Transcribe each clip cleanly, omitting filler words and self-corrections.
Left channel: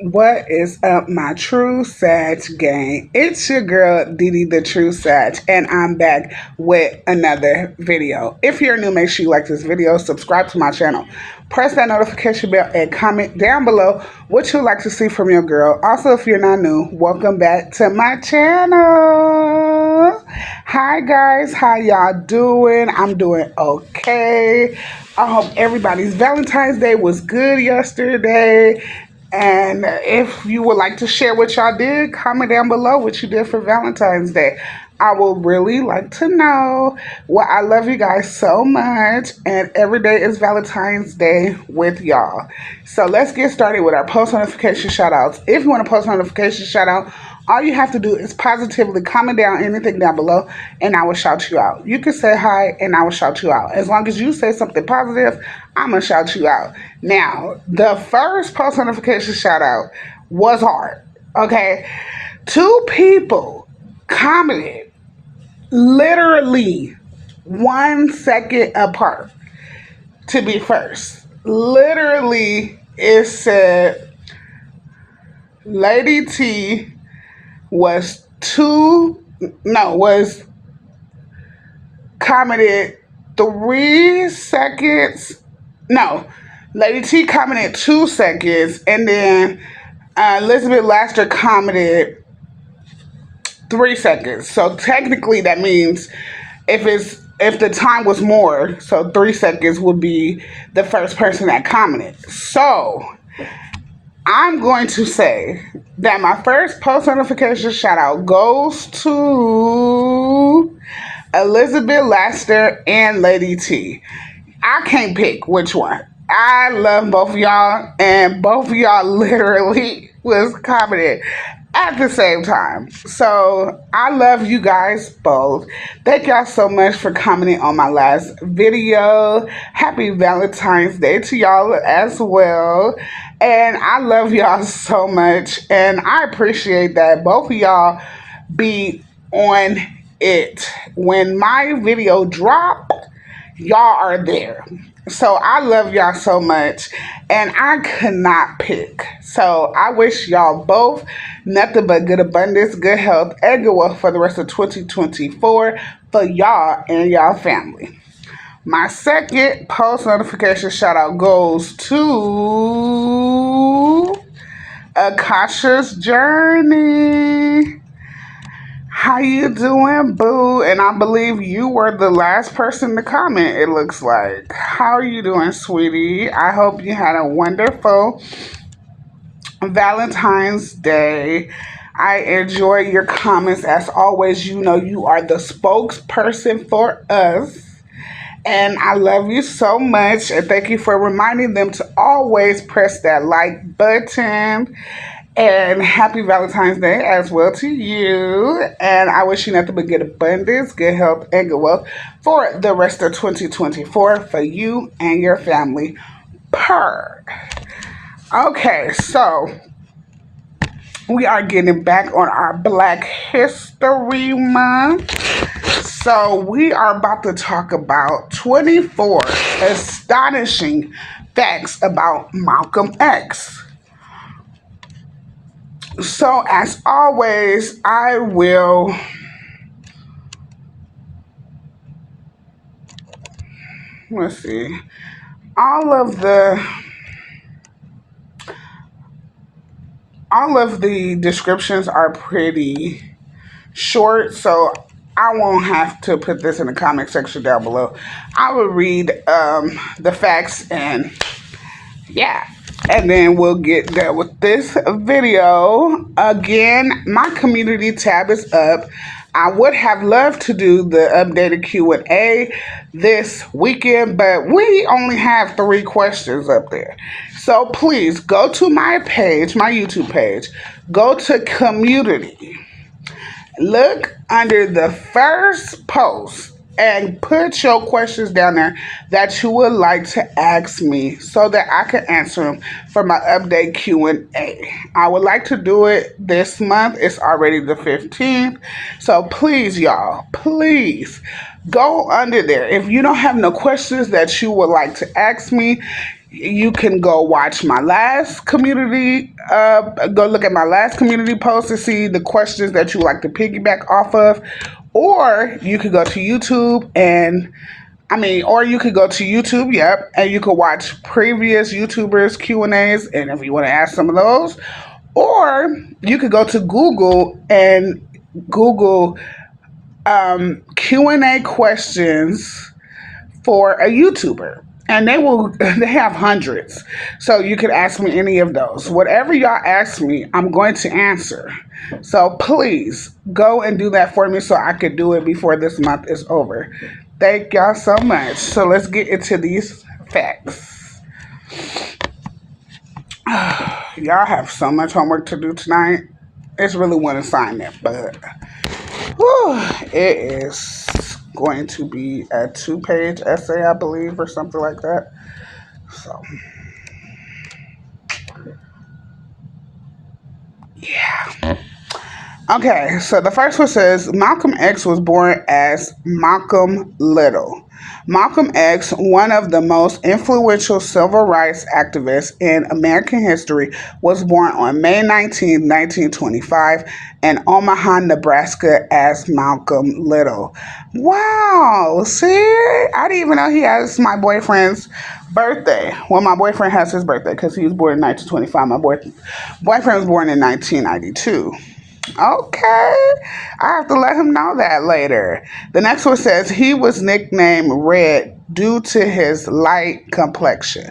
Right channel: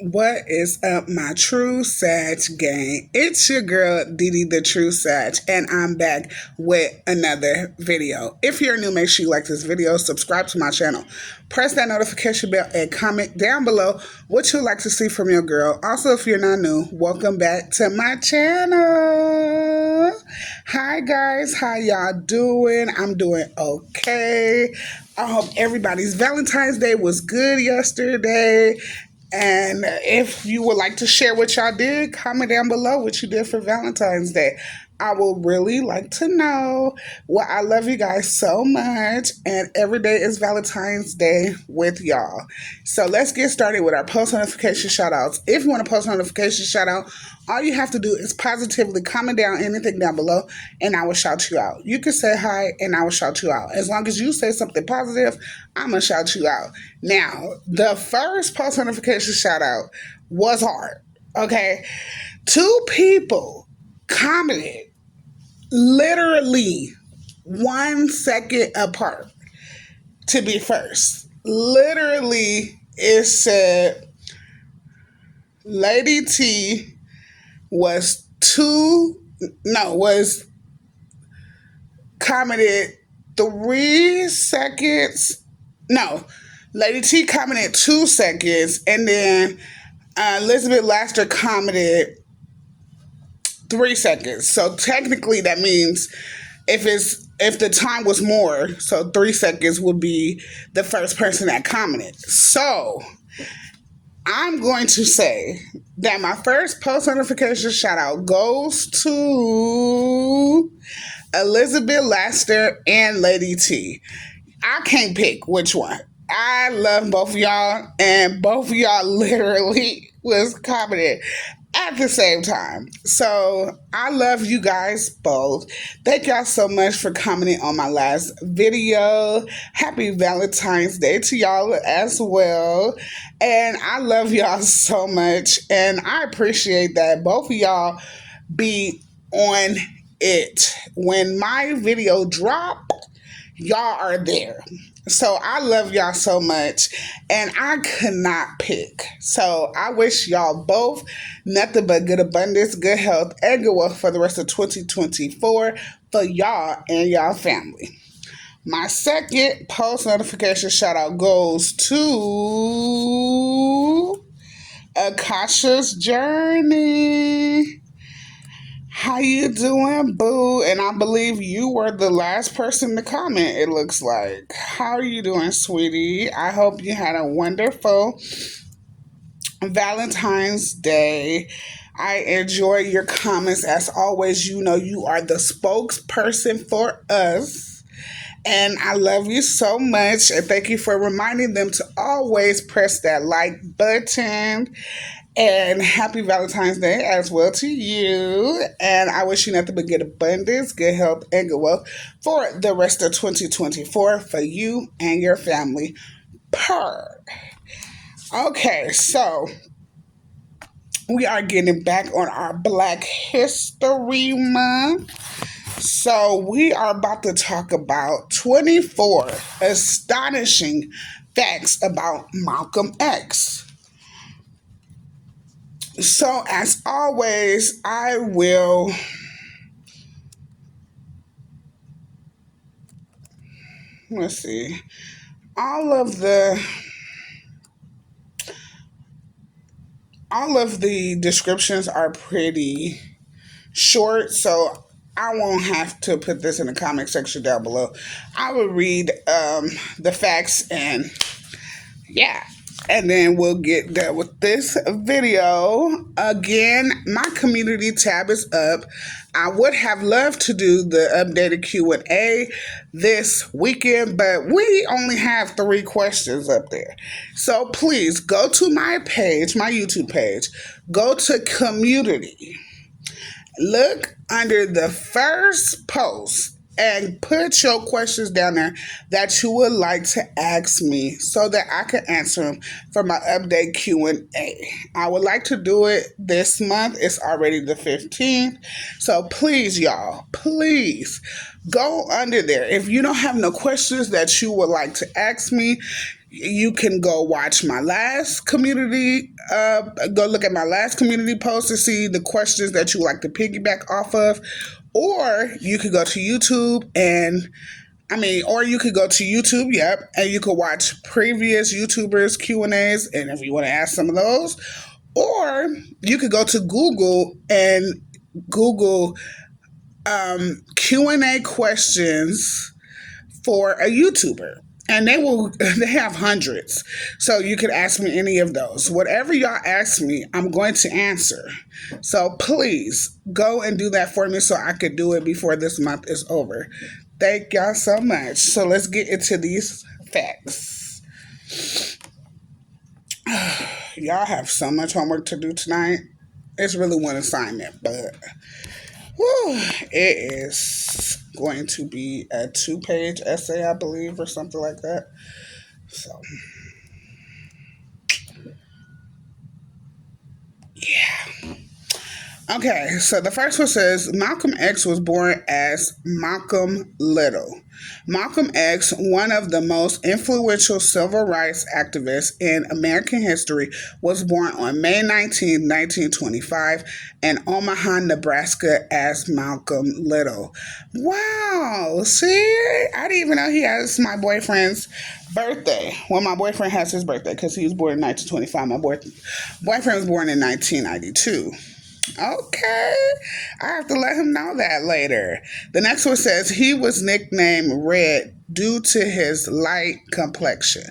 What is up, my True Sag gang? It's your girl, Didi the True Sag, and I'm back with another video. If you're new, make sure you like this video, subscribe to my channel, press that notification bell, and comment down below what you'd like to see from your girl. Also, if you're not new, welcome back to my channel. Hi, guys. How y'all doing? I'm doing okay. I hope everybody's Valentine's Day was good yesterday. And if you would like to share what y'all did, comment down below what you did for Valentine's Day. I will really like to know. Well, I love you guys so much, and every day is Valentine's Day with y'all. So let's get started with our post notification shout outs. If you want a post notification shout out, all you have to do is positively comment down anything down below, and I will shout you out. You can say hi, and I will shout you out. As long as you say something positive, I'm going to shout you out. Now, the first post notification shout out was hard. Okay. Two people commented literally 1 second apart to be first. Literally, it said Lady T was commented 3 seconds. No, Lady T commented 2 seconds, and then Elizabeth Laster commented 3 seconds. So technically, that means if the time was more, so 3 seconds would be the first person that commented. So I'm going to say that my first post notification shout out goes to Elizabeth Laster and Lady T. I can't pick which one. I love both of y'all, and both of y'all literally was commenting at the same time. So I love you guys both. Thank y'all so much for commenting on my last video. Happy Valentine's Day to y'all as well. And I love y'all so much, and I appreciate that both of y'all be on it. When my video drop, y'all are there. So I love y'all so much, and I could not pick. So I wish y'all both nothing but good abundance, good health, and good wealth for the rest of 2024 for y'all and y'all family. My second post notification shout out goes to Akasha's Journey. How you doing, boo? And I believe you were the last person to comment, it looks like. How are you doing, sweetie? I hope you had a wonderful Valentine's Day. I enjoy your comments as always. You know you are the spokesperson for us. And I love you so much. And thank you for reminding them to always press that like button. And happy Valentine's Day as well to you. And I wish you nothing but good abundance, good health, and good wealth for the rest of 2024 for you and your family. Purr. Okay, so we are getting back on our Black History Month. So we are about to talk about 24 astonishing facts about Malcolm X. So, as always, I will let's see. All of the descriptions are pretty short, so I won't have to put this in the comment section down below. I will read the facts, and yeah. And then we'll get done with this video. Again, my community tab is up. I would have loved to do the updated Q&A this weekend, but we only have 3 questions up there. So please go to my page, my YouTube page. Go to community. Look under the first post and put your questions down there that you would like to ask me so that I can answer them for my update Q&A. I would like to do it this month. It's already the 15th. So please, y'all, please go under there. If you don't have no questions that you would like to ask me, You can go watch my last community, go look at my last community post to see the questions that you like to piggyback off of. Or you could go to YouTube and or you could go to YouTube, yep, and you could watch previous YouTubers Q&As, and if you want to ask some of those, or you could go to Google and Google Q&A questions for a YouTuber. And they have hundreds. So you could ask me any of those. Whatever y'all ask me, I'm going to answer. So please go and do that for me so I could do it before this month is over. Thank y'all so much. So let's get into these facts. Y'all have so much homework to do tonight. It's really one assignment, but it is going to be a 2-page essay, I believe, or something like that. So, yeah. Okay, so the first one says Malcolm X was born as Malcolm Little. Malcolm X, one of the most influential civil rights activists in American history, was born on May 19, 1925, in Omaha, Nebraska, as Malcolm Little. Wow, see? I didn't even know he has my boyfriend's birthday. Well, my boyfriend has his birthday because he was born in 1925. My boyfriend was born in 1992. Okay. I have to let him know that later. The next one says he was nicknamed Red due to his light complexion.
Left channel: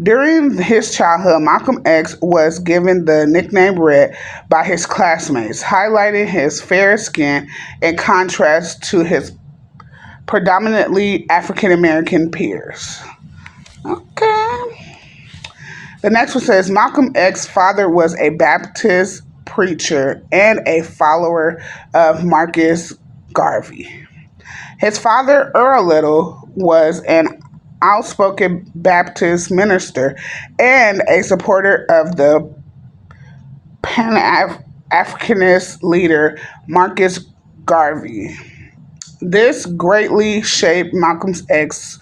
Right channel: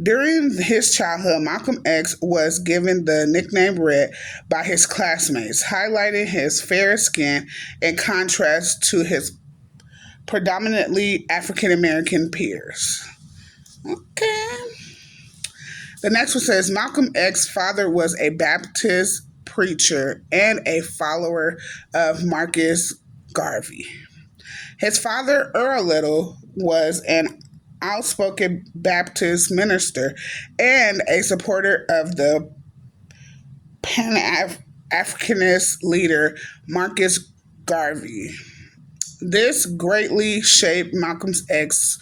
During his childhood, Malcolm X was given the nickname Red by his classmates, highlighting his fair skin in contrast to his predominantly African American peers. Okay. The next one says Malcolm X's father was a Baptist preacher and a follower of Marcus Garvey. His father, Earl Little, was an outspoken Baptist minister and a supporter of the Pan-Africanist leader Marcus Garvey. This greatly shaped Malcolm X's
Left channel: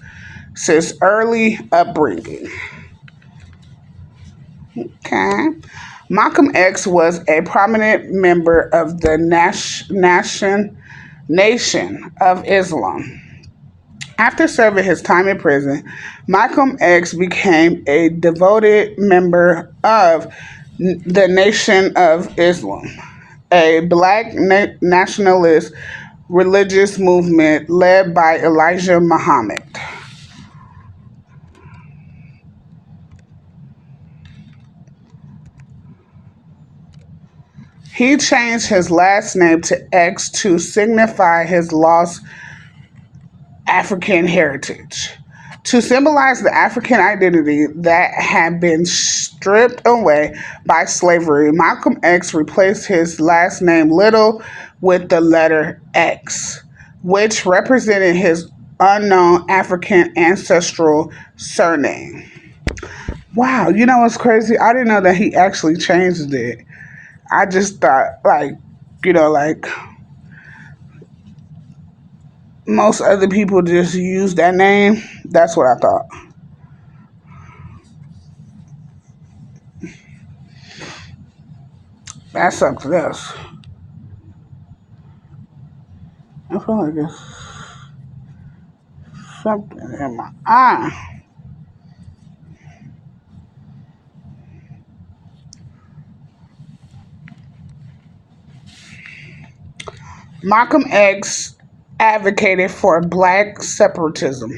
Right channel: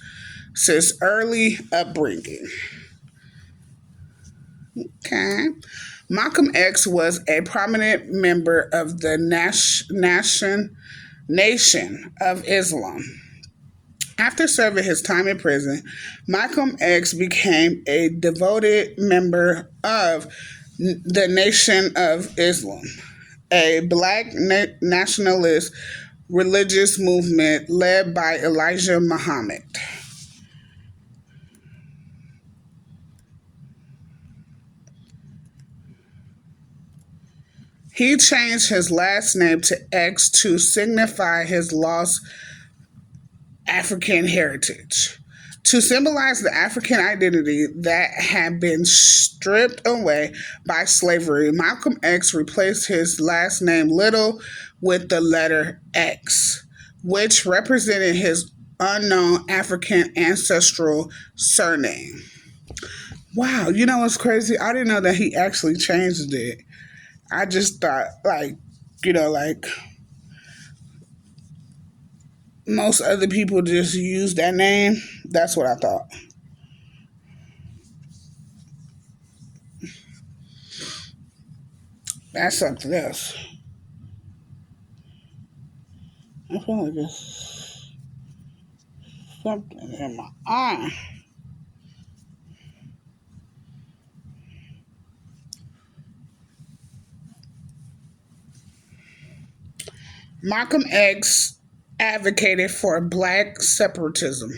early upbringing. Okay. Malcolm X was a prominent member of the Nation of Islam. After serving his time in prison, Malcolm X became a devoted member of the Nation of Islam, a black nationalist religious movement led by Elijah Muhammad. He changed his last name to X to signify his lost African heritage. To symbolize the African identity that had been stripped away by slavery, Malcolm X replaced his last name Little with the letter X, which represented his unknown African ancestral surname. Wow, you know what's crazy? I didn't know that he actually changed it. I just thought, like most other people just use that name. That's what I thought. That's something else. I feel like it's something in my eye. Malcolm X advocated for black separatism.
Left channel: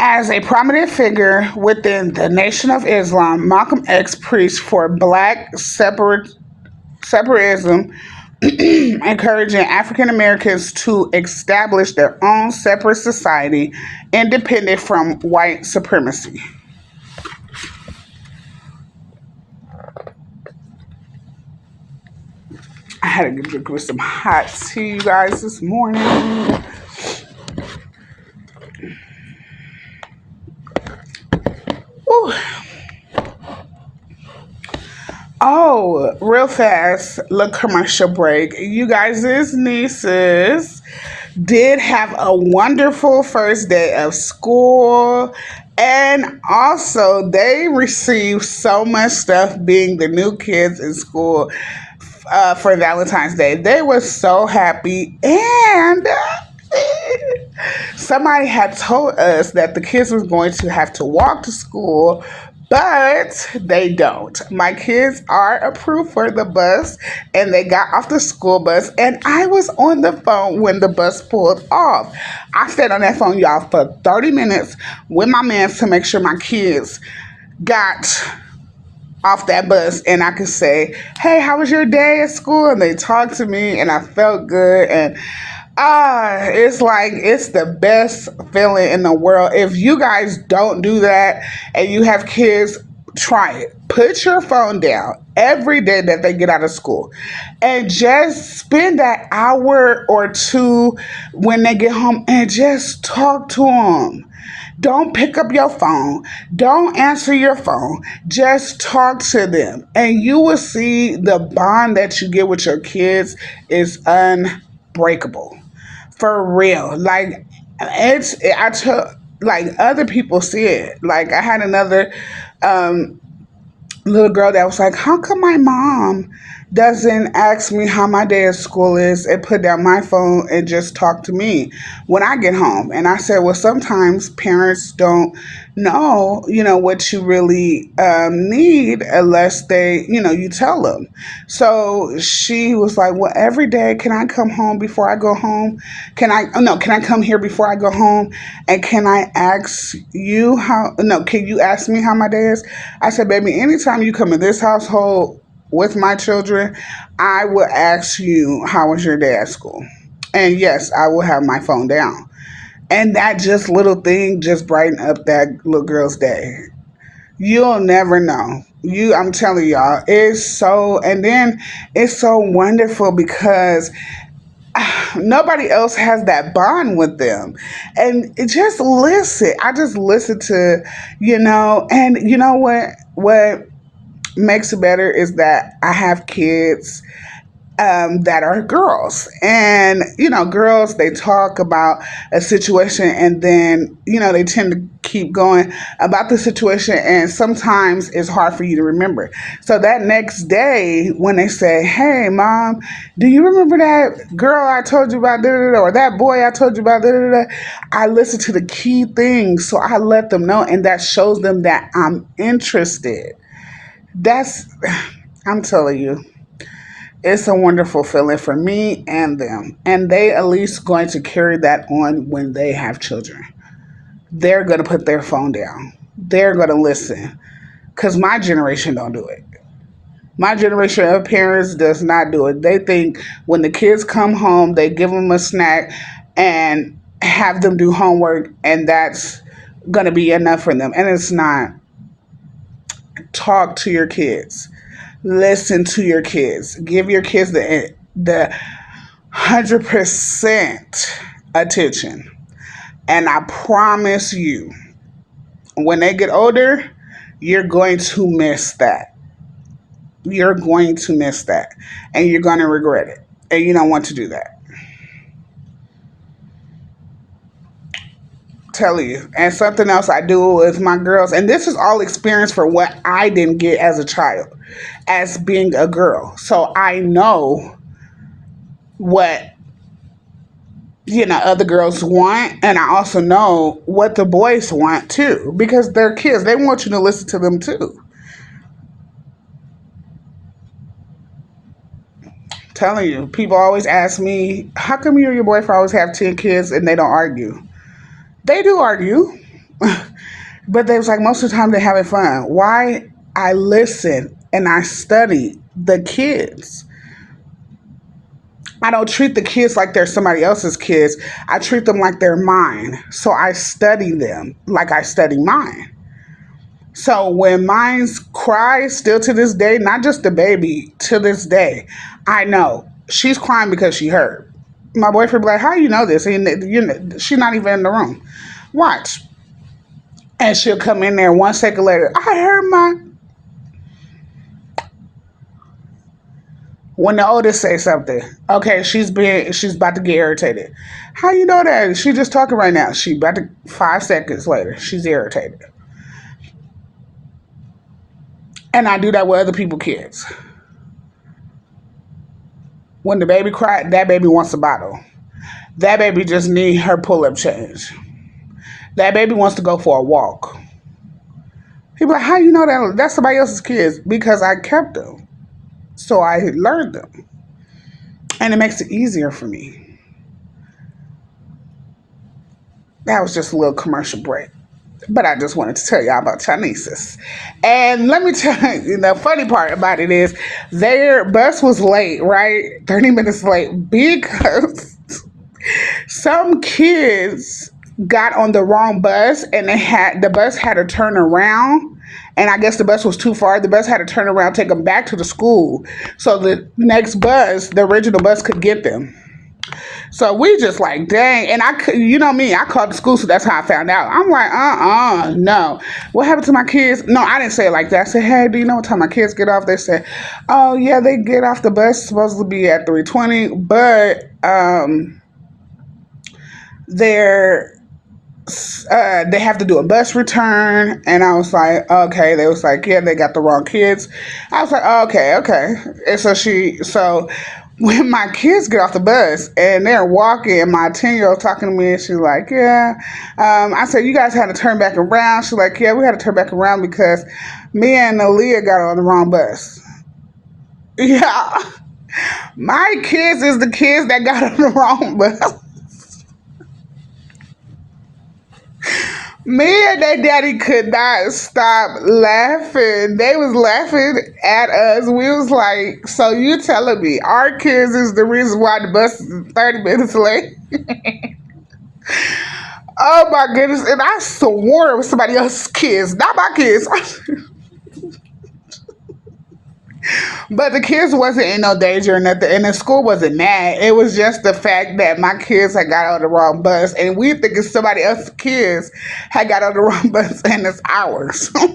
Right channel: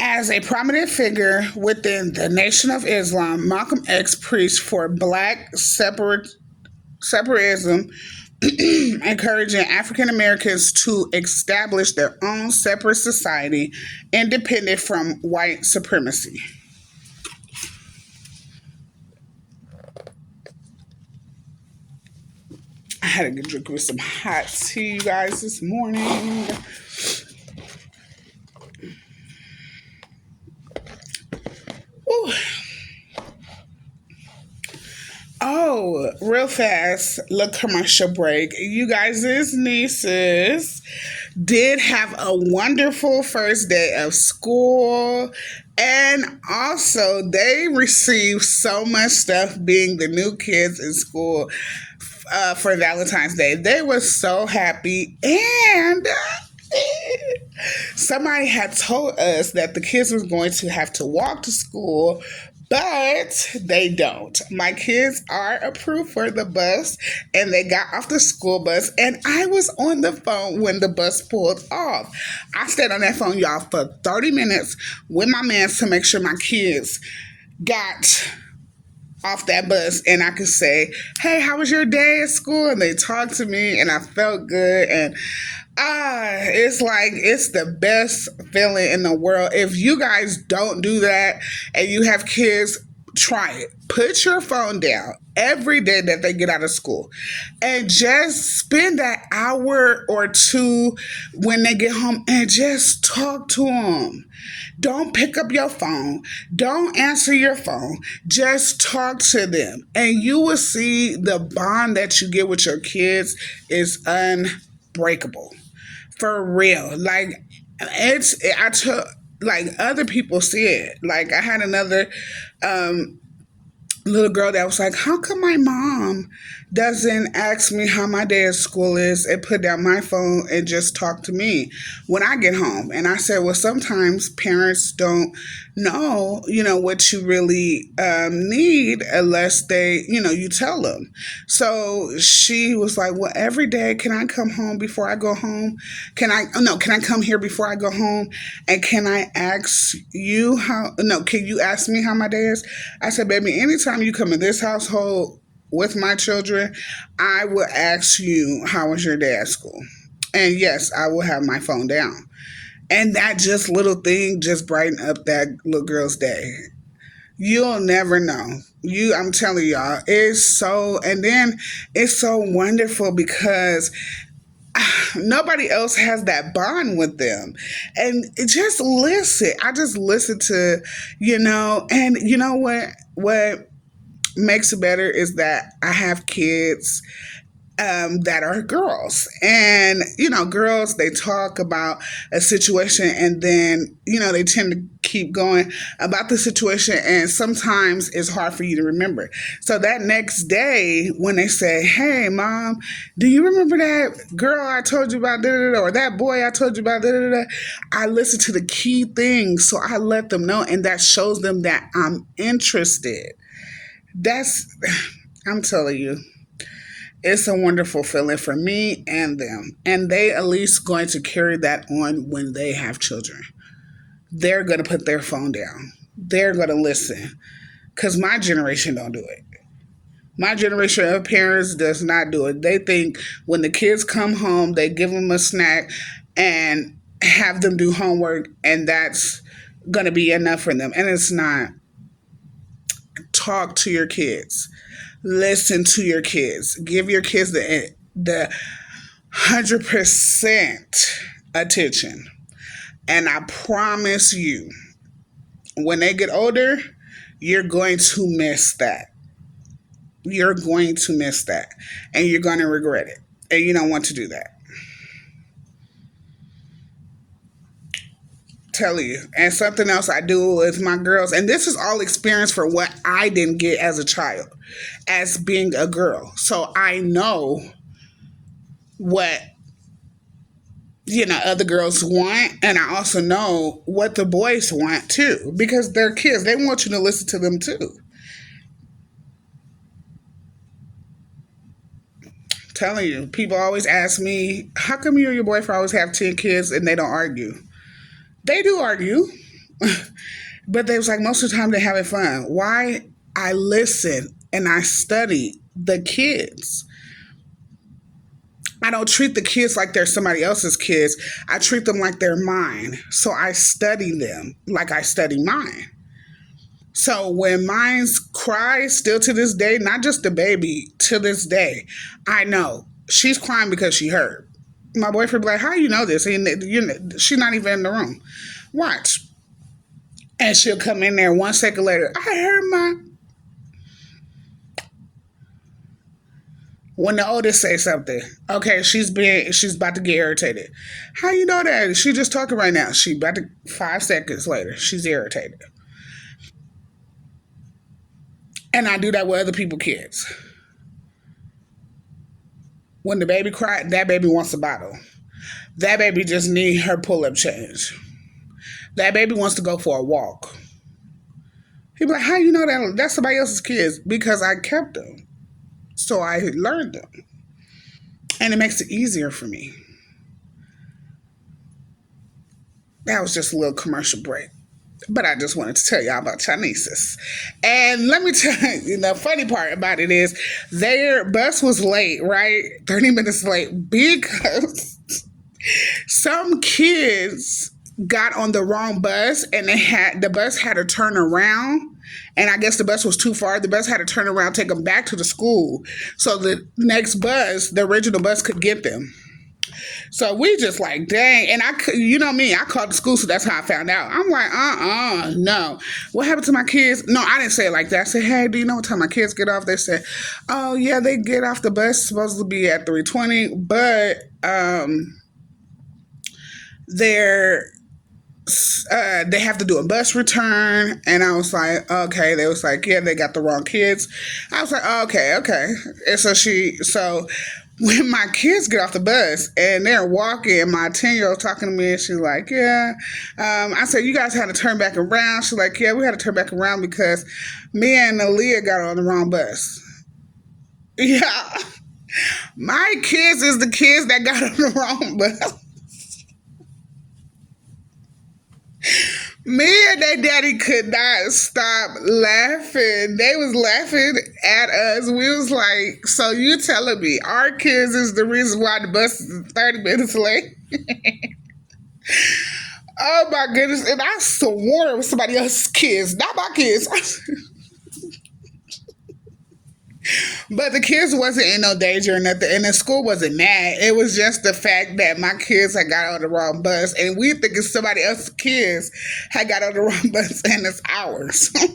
As a prominent figure within the Nation of Islam, Malcolm X preached for black separatism, encouraging African Americans to establish their own separate society independent from white supremacy. I had a good drink with some hot tea, you guys, this morning. Ooh. Oh, real fast, little commercial break. You guys' nieces did have a wonderful first day of school, And also, they receive so much stuff being the new kids in school for Valentine's Day. They were so happy. And somebody had told us that the kids was going to have to walk to school, but they don't. My kids are approved for the bus, and they got off the school bus, and I was on the phone when the bus pulled off. I stayed on that phone, y'all, for 30 minutes with my man to make sure my kids got off that bus and I could say, "Hey, how was your day at school?" And they talked to me and I felt good. And it's like it's the best feeling in the world. If you guys don't do that and you have kids, try it. Put your phone down every day that they get out of school and just spend that hour or two when they get home and just talk to them. Don't pick up your phone. Don't answer your phone. Just talk to them. And you will see the bond that you get with your kids is unbreakable. For real. Like, I took, like, other people see it. Like, I had another little girl that was like, "How come my mom doesn't ask me how my day at school is and put down my phone and just talk to me when I get home?" And I said, "Well, sometimes parents don't know, what you really need unless you tell them." So she was like, "Well, every day, can I come home before I go home? Can I come here before I go home? And can I ask you no, can you ask me how my day is?" I said, "Baby, anytime you come in this household with my children, I will ask you, how was your day at school? And yes, I will have my phone down." And that just little thing just brightened up that little girl's day. You'll never know. I'm telling y'all, it's so, and then it's so wonderful because nobody else has that bond with them. And just listen. I just listen to, and you know what makes it better is that I have kids that are girls. And, girls, they talk about a situation and then, they tend to keep going about the situation. And sometimes it's hard for you to remember. So that next day, when they say, "Hey, mom, do you remember that girl I told you about, da, da, da, or that boy I told you about, da, da, da," I listen to the key things. So I let them know. And that shows them that I'm interested. That's, I'm telling you, it's a wonderful feeling for me and them. And they at least going to carry that on when they have children. They're going to put their phone down. They're going to listen. Because my generation don't do it. My generation of parents does not do it. They think when the kids come home, they give them a snack and have them do homework, and that's going to be enough for them. And it's not. Talk to your kids. Listen to your kids. Give your kids the 100% attention. And I promise you, when they get older, you're going to miss that. You're going to miss that. And you're going to regret it. And you don't want to do that. Tell you. And something else I do with my girls, and this is all experience for what I didn't get as a child, as being a girl. So I know what other girls want, and I also know what the boys want too, because they're kids. They want you to listen to them too. Telling you, people always ask me, "How come you and your boyfriend always have 10 kids and they don't argue?" They do argue. But they was like, most of the time they're having fun. Why? I listen and I study the kids. I don't treat the kids like they're somebody else's kids. I treat them like they're mine. So I study them like I study mine. So when mine cries still to this day, not just the baby, to this day, I know she's crying because she hurt. My boyfriend be like, "How you know this?" And she's not even in the room. Watch. And she'll come in there 1 second later. "I heard my..." When the oldest say something, okay, she's about to get irritated. How you know that? She just talking right now. She about to 5 seconds later, she's irritated. And I do that with other people's kids. When the baby cried, that baby wants a bottle. That baby just need her pull up change. That baby wants to go for a walk. He be like, how you know that that's somebody else's kids? Because I kept them. So I learned them. And it makes it easier for me. That was just a little commercial break. But I just wanted to tell y'all about Chineses. And let me tell you, the funny part about it is their bus was late, right? 30 minutes late because some kids got on the wrong bus and the bus had to turn around. And I guess the bus was too far. The bus had to turn around, take them back to the school. So the next bus, the original bus, could get them. So we just like, dang. And you know me, I called the school, so that's how I found out. I'm like, no. What happened to my kids? No, I didn't say it like that. I said, hey, do you know what time my kids get off? They said, oh, yeah, they get off the bus, supposed to be at 3:20, but they're they have to do a bus return. And I was like, okay. They was like, yeah, they got the wrong kids. I was like, okay. And so when my kids get off the bus and they're walking and my 10-year-old talking to me and she's like, yeah, I said, you guys had to turn back around. She's like, yeah, we had to turn back around because me and Aaliyah got on the wrong bus. Yeah. My kids is the kids that got on the wrong bus. Me and their daddy could not stop laughing. They was laughing at us. We was like, so you telling me our kids is the reason why the bus is 30 minutes late? Oh my goodness. And I swore it was somebody else's kids, not my kids. But the kids wasn't in no danger or nothing, and the school wasn't mad. It was just the fact that my kids had got on the wrong bus, and we think it's somebody else's kids had got on the wrong bus, and it's ours. I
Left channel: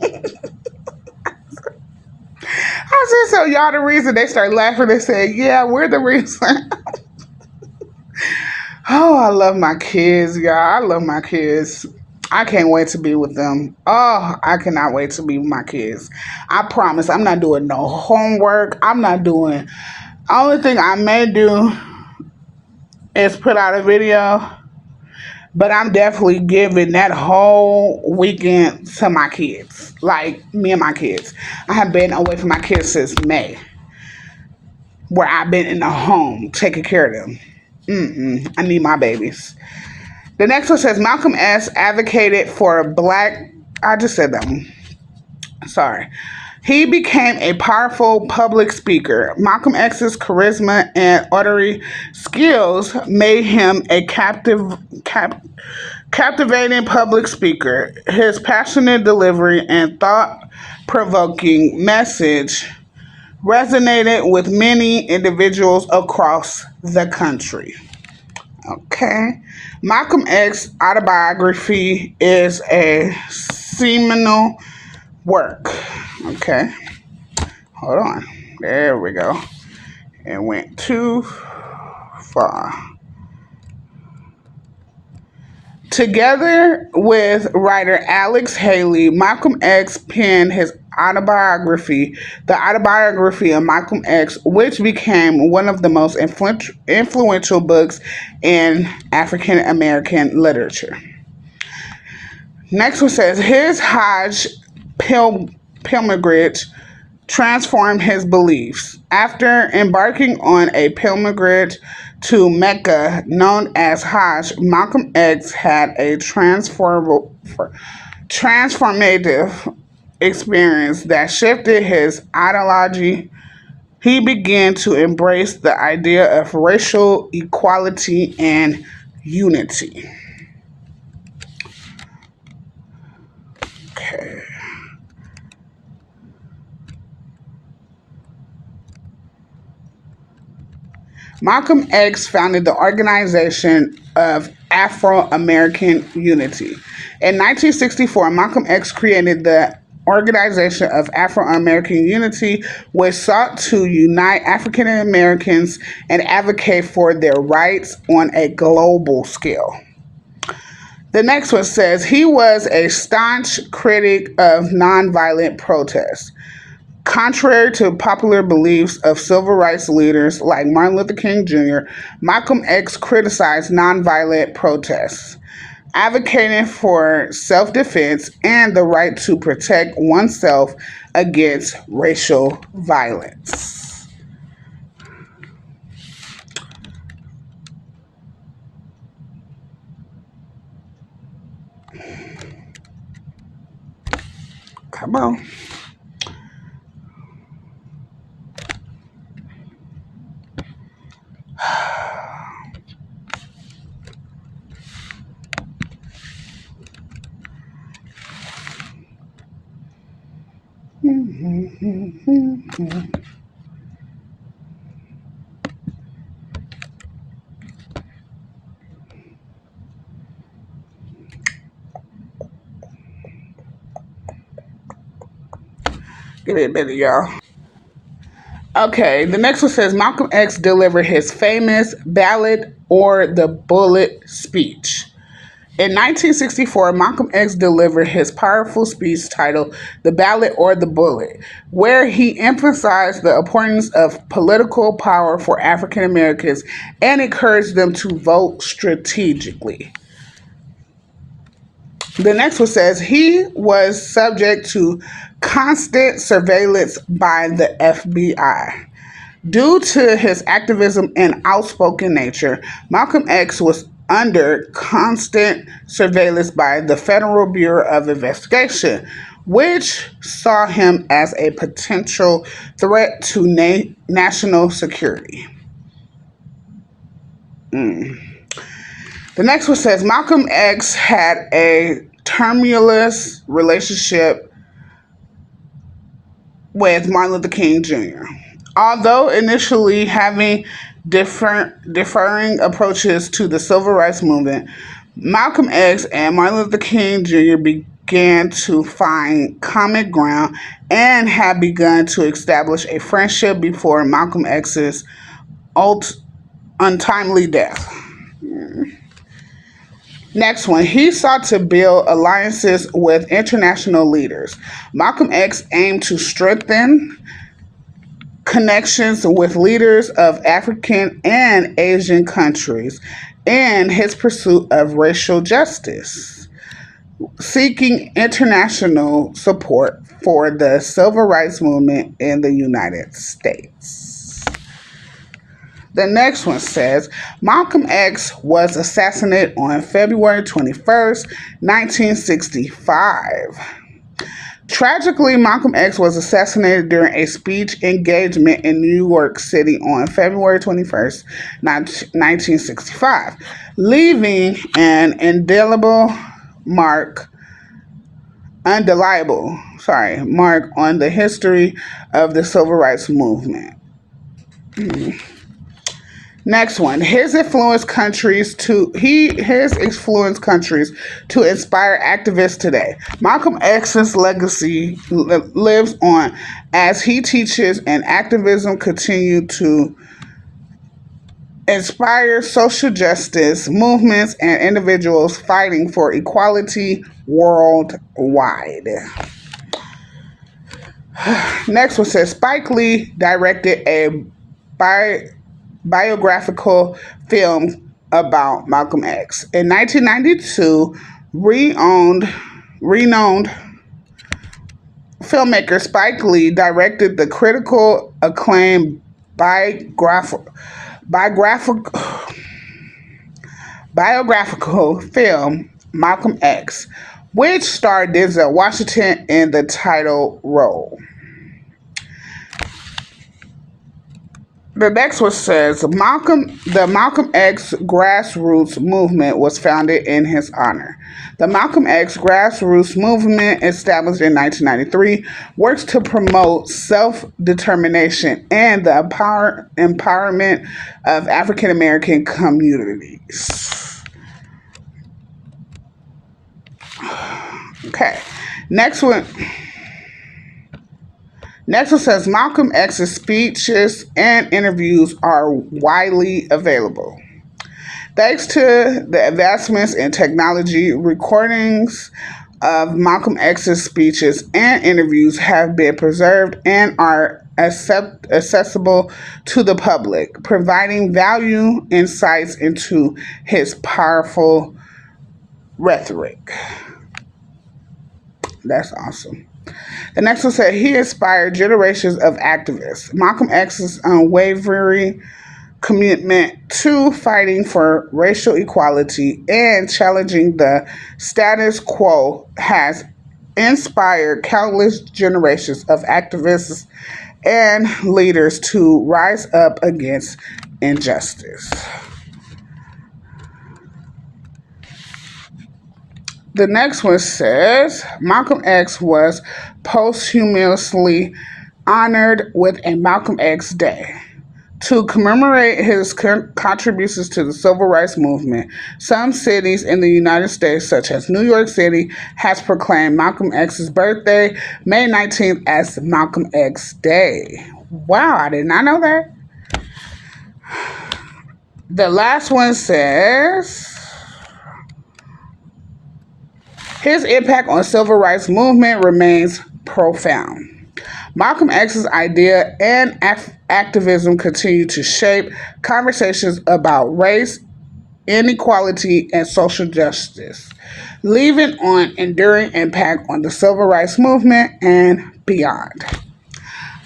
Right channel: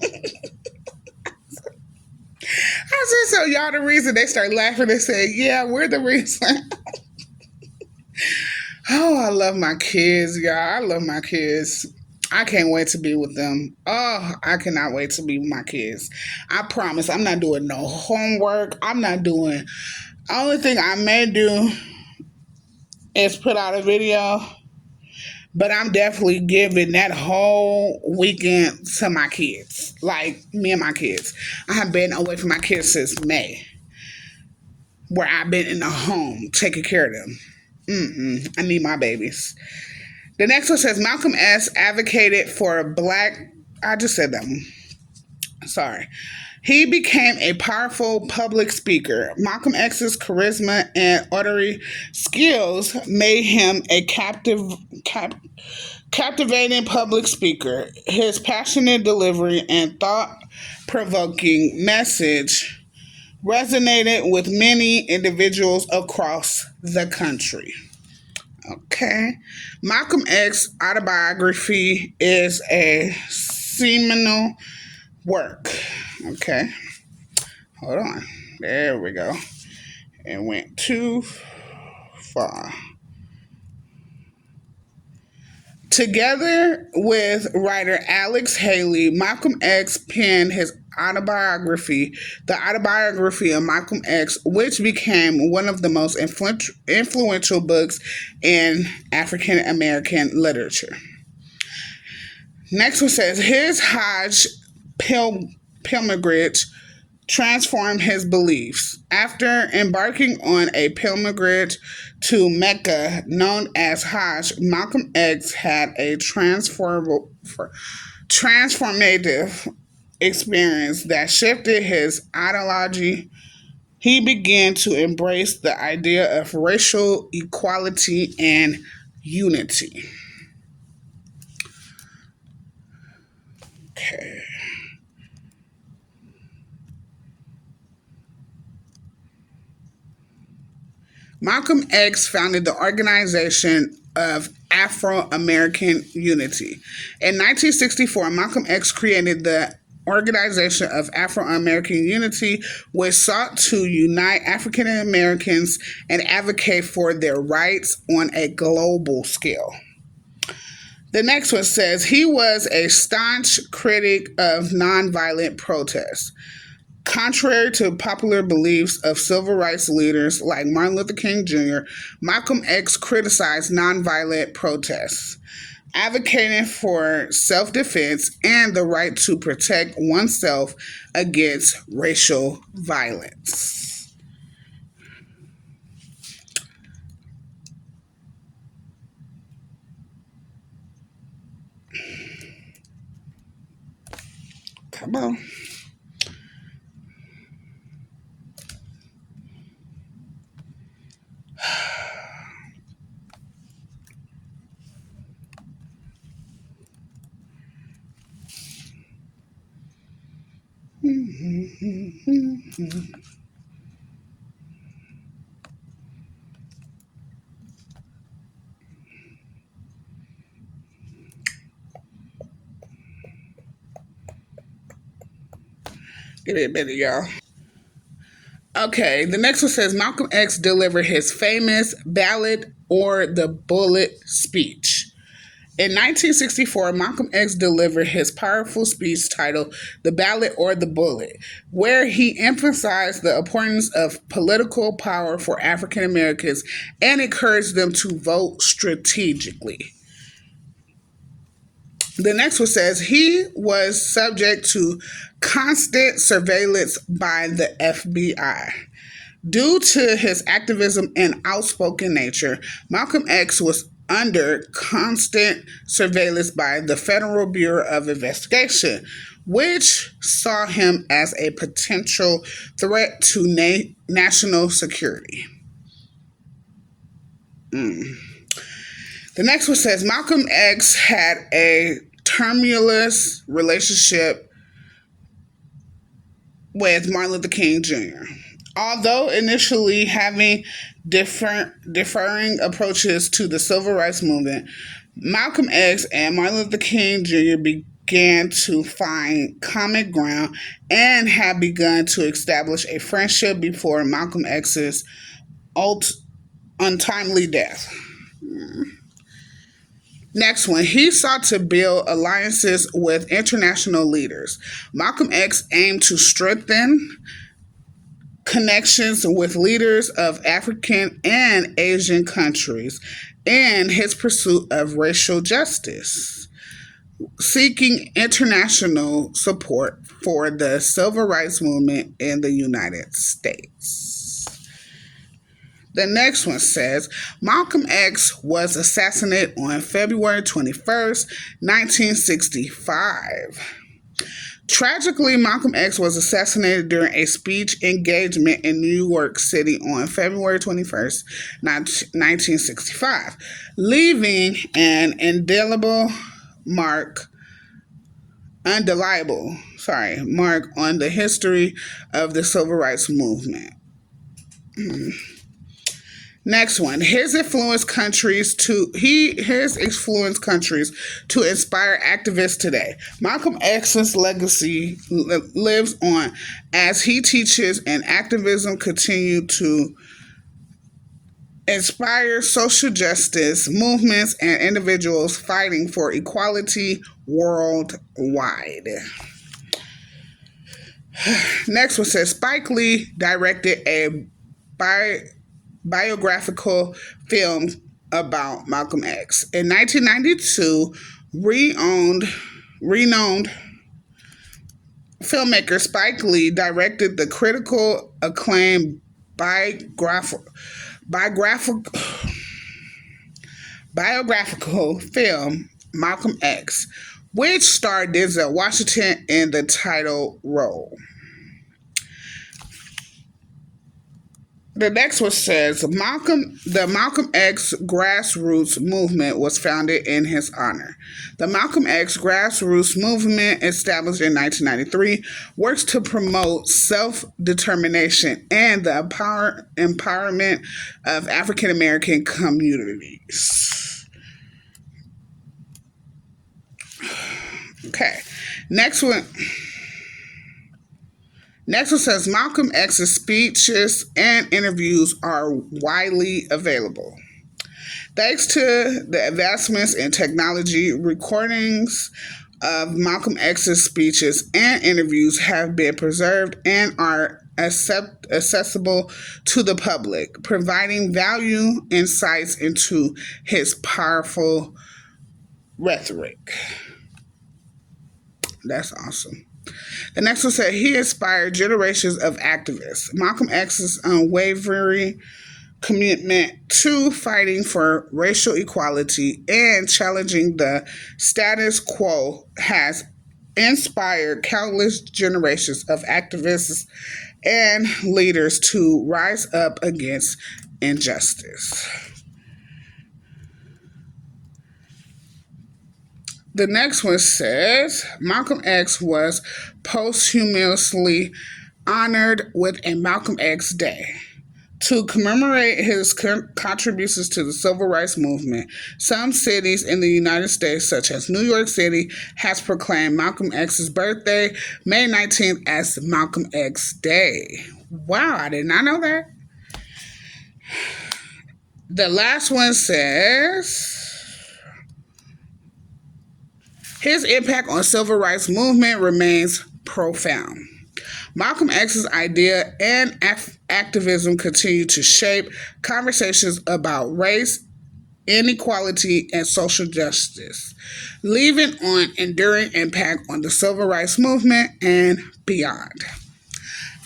said, so y'all the reason? They started laughing. They said, yeah, we're the reason. Oh, I love my kids, y'all. I love my kids. I can't wait to be with them. Oh, I cannot wait to be with my kids. I promise I'm not doing no homework. I'm not doing. Only thing I may do is put out a video, but I'm definitely giving that whole weekend to my kids. Like me and my kids. I have been away from my kids since May, where I've been in the home taking care of them. I need my babies. The next one says Malcolm X advocated for black. I just said that one. Sorry. He became a powerful public speaker. Malcolm X's charisma and oratory skills made him a captivating public speaker. His passionate delivery and thought-provoking message resonated with many individuals across the country. Okay. Malcolm X autobiography is a seminal work. Okay. Hold on. There we go. It went too far. Together with writer Alex Haley, Malcolm X penned his autobiography, The Autobiography of Malcolm X, which became one of the most influential books in African American literature. Next one says his Hajj pilgrimage transformed his beliefs. After embarking on a pilgrimage to Mecca known as Hajj, Malcolm X had a transformative experience that shifted his ideology. He began to embrace the idea of racial equality and unity. Okay. Malcolm X founded the Organization of Afro-American Unity. In 1964, Malcolm X created the Organization of Afro-American Unity, which sought to unite African Americans and advocate for their rights on a global scale. The next one says he was a staunch critic of nonviolent protests. Contrary to popular beliefs of civil rights leaders like Martin Luther King Jr., Malcolm X criticized nonviolent protests, advocating for self defense and the right to protect oneself against racial violence. Come on. Give me a minute, y'all. Okay, the next one says Malcolm X delivered his famous ballad or the bullet speech. In 1964, Malcolm X delivered his powerful speech titled The Ballot or the Bullet, where he emphasized the importance of political power for African Americans and encouraged them to vote strategically. The next one says he was subject to constant surveillance by the FBI. Due to his activism and outspoken nature, Malcolm X was under constant surveillance by the Federal Bureau of Investigation, which saw him as a potential threat to national security. The next one says Malcolm X had a tumultuous relationship with Martin Luther King Jr. Although initially having differing approaches to the civil rights movement, Malcolm X and Martin Luther King Jr. began to find common ground and had begun to establish a friendship before Malcolm X's untimely death. Next one, he sought to build alliances with international leaders. Malcolm X aimed to strengthen connections with leaders of African and Asian countries in his pursuit of racial justice, seeking international support for the civil rights movement in the United States. The next one says Malcolm X was assassinated on February 21st, 1965. Tragically, Malcolm X was assassinated during a speech engagement in New York City on February 21st, 1965, leaving an mark mark on the history of the civil rights movement. Next one, his influenced countries to inspire activists today. Malcolm X's legacy lives on as he teaches and activism continue to inspire social justice movements and individuals fighting for equality worldwide. Next one says Spike Lee directed a biographical film about Malcolm X. In 1992, renowned filmmaker Spike Lee directed the critical acclaimed biographical film Malcolm X, which starred Denzel Washington in the title role. The next one says the Malcolm X grassroots movement was founded in his honor. The Malcolm X grassroots movement, established in 1993, works to promote self-determination and the empowerment of African American communities. Okay, next one. Next one says Malcolm X's speeches and interviews are widely available. Thanks to the advancements in technology, recordings of Malcolm X's speeches and interviews have been preserved and are accessible to the public, providing value insights into his powerful rhetoric. That's awesome. The next one said he inspired generations of activists. Malcolm X's unwavering commitment to fighting for racial equality and challenging the status quo has inspired countless generations of activists and leaders to rise up against injustice. The next one says Malcolm X was posthumously honored with a Malcolm X Day. To commemorate his contributions to the civil rights movement, some cities in the United States, such as New York City, has proclaimed Malcolm X's birthday, May 19th, as Malcolm X Day. Wow, I did not know that. The last one says his impact on civil rights movement remains profound. Malcolm X's idea and activism continue to shape conversations about race, inequality, and social justice, leaving an enduring impact on the civil rights movement and beyond.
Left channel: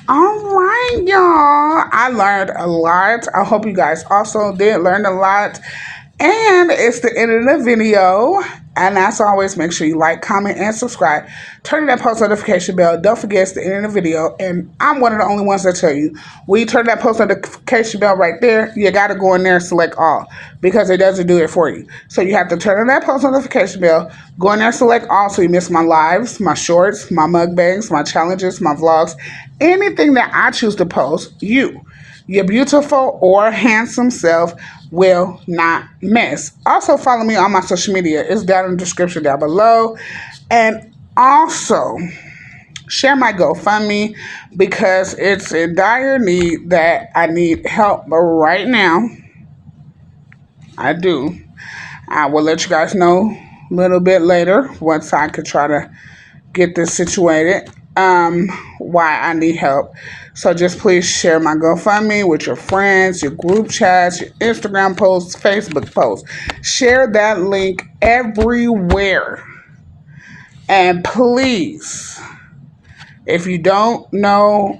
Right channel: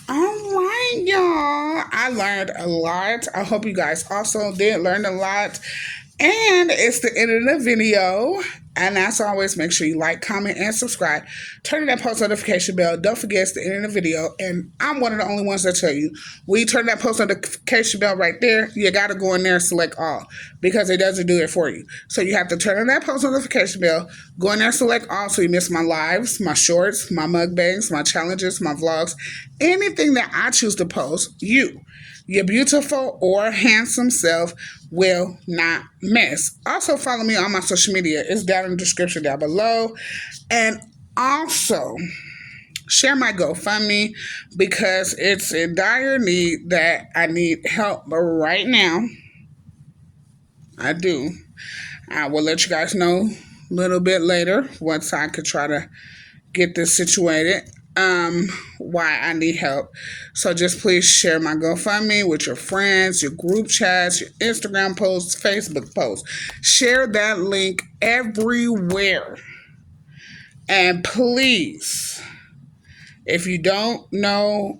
All right, y'all. I learned a lot. I hope you guys also did learn a lot. And it's the end of the video. And as always, make sure you like, comment, and subscribe. Turn on that post notification bell. Don't forget it's the end of the video. And I'm one of the only ones that tell you, when you turn that post notification bell right there, you got to go in there and select all, because it doesn't do it for you. So you have to turn on that post notification bell, go in there and select all so you miss my lives, my shorts, my mukbangs, my challenges, my vlogs, anything that I choose to post, your beautiful or handsome self will not miss. Also, follow me on my social media. It's down in the description down below. And also, share my GoFundMe, because it's in dire need that I need help right now. I do. I will let you guys know a little bit later once I could try to get this situated. Why I need help. So just please share my GoFundMe with your friends, your group chats, your Instagram posts, Facebook posts. Share that link everywhere. And please, if you don't know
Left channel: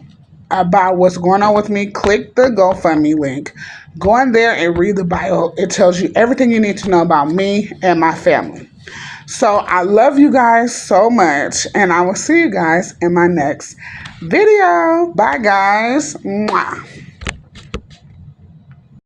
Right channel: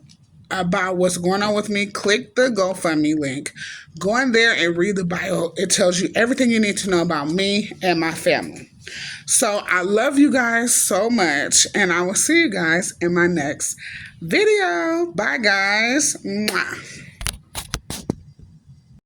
about what's going on with me, click the GoFundMe link. Go in there and read the bio. It tells you everything you need to know about me and my family. So I love you guys so much, and I will see you guys in my next video. Bye, guys. Mwah.